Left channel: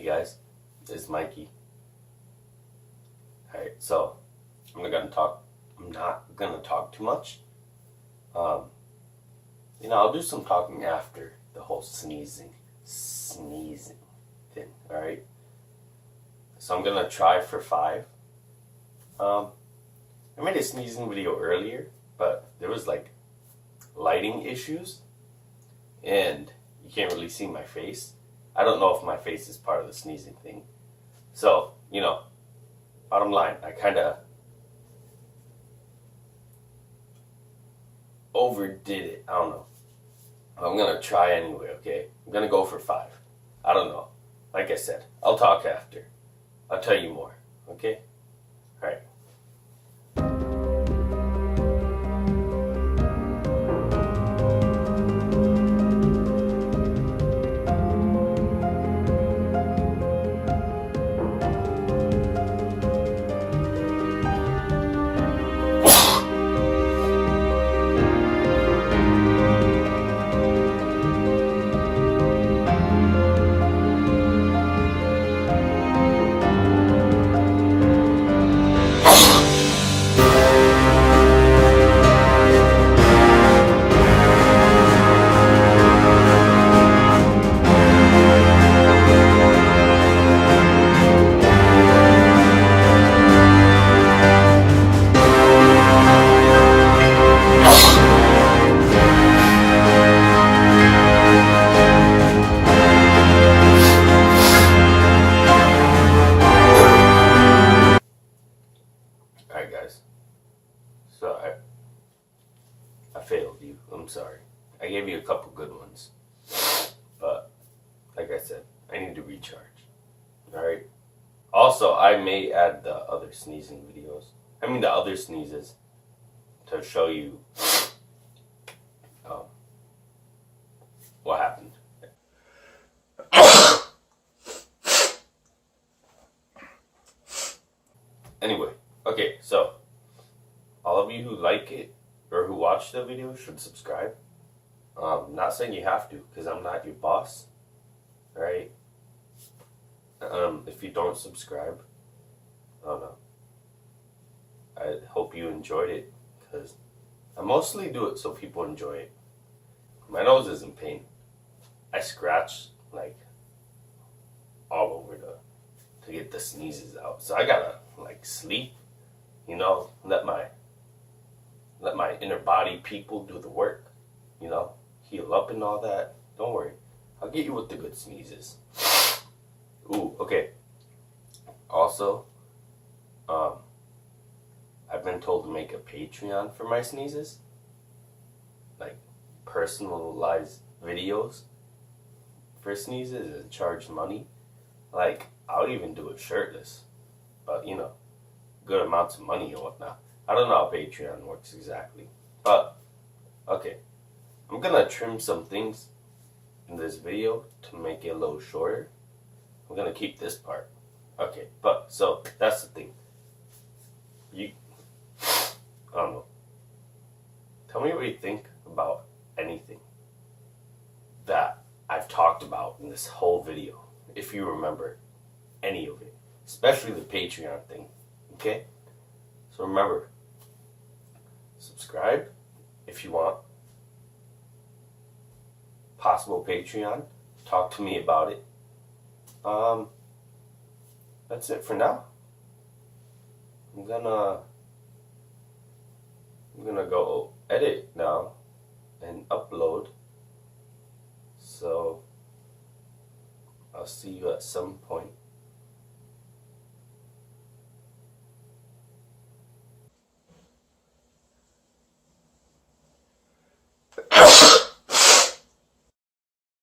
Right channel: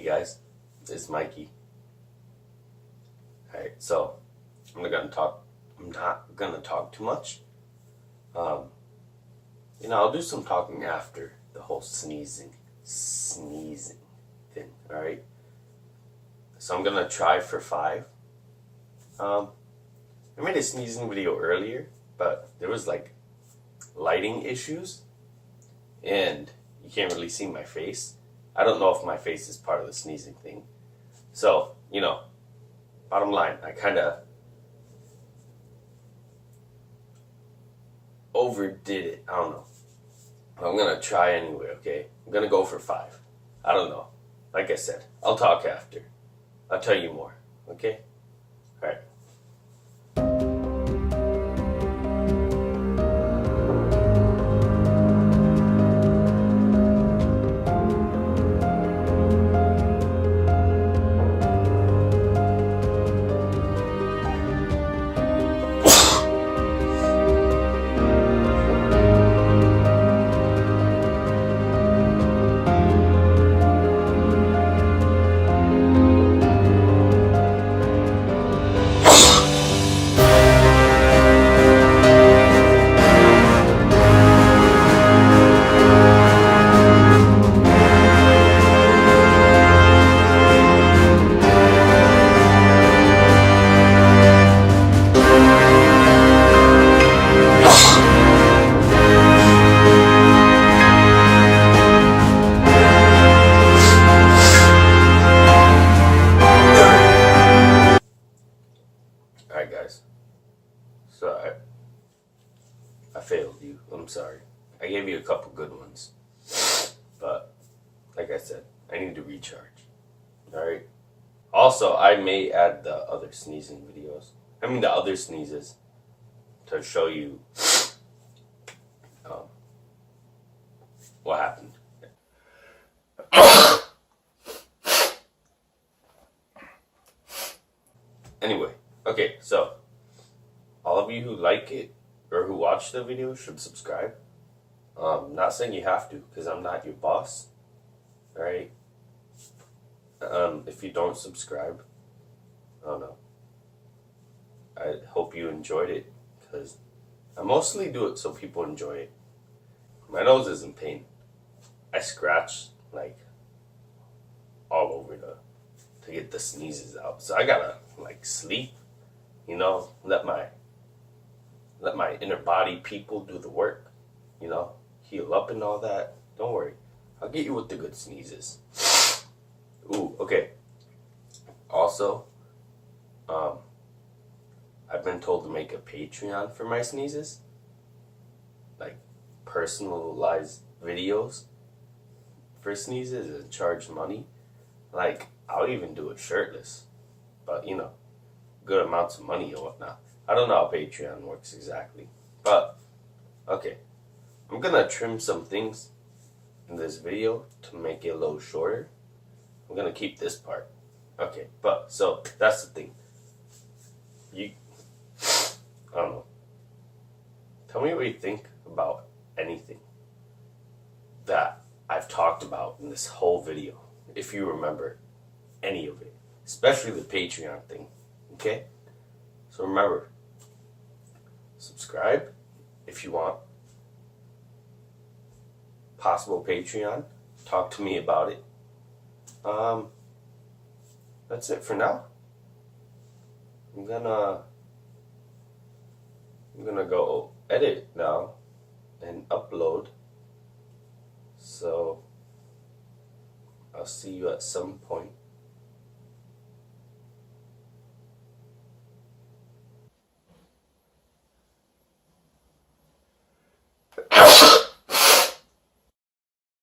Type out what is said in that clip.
Hey guys, it's Mikey. Alright, so I'm not gonna talk too much. I'll do some talking after the whole sneezing thing, alright? So I'm gonna try for 5. I made a sneezing video earlier, but there was like lighting issues and you can't really see my face. I don't know if my face is part of the sneezing thing. So, bottom line, I kind of overdid it. I don't know. I'm going to try anyway, okay? I'm going to go for 5. I don't know. Like I said, I'll talk after. I'll tell you more, okay? All right. Alright guys, so I failed you. I'm sorry. I gave you a couple good ones, but like I said, I need to recharge. Alright? Also, I may add the other sneezing videos. The other sneezes to show you what happened. Anyway. Okay, so all of you who like it or who watch the video should subscribe. Not saying you have to, because I'm not your boss. Alright? If you don't subscribe, I don't know. I hope you enjoyed it, because I mostly do it so people enjoy it. My nose is in pain. I scratch like all over to get the sneezes out. So I gotta sleep. Let my inner body people do the work, heal up and all that. Don't worry. I'll get you with the good sneezes. Ooh, okay. Also, I've been told to make a Patreon for my sneezes. Like personalized videos for sneezes and charge money. I'll even do it shirtless. But, good amounts of money or whatnot. I don't know how Patreon works exactly. But, okay. I'm going to trim some things in this video to make it a little shorter. I'm going to keep this part. Okay, so that's the thing. I don't know. Tell me what you think about anything that I've talked about in this whole video. If you remember any of it. Especially the Patreon thing. Okay? So remember, subscribe if you want possible Patreon. Talk to me about it. That's it for now. I'm gonna go edit now and upload. So I'll see you at some point.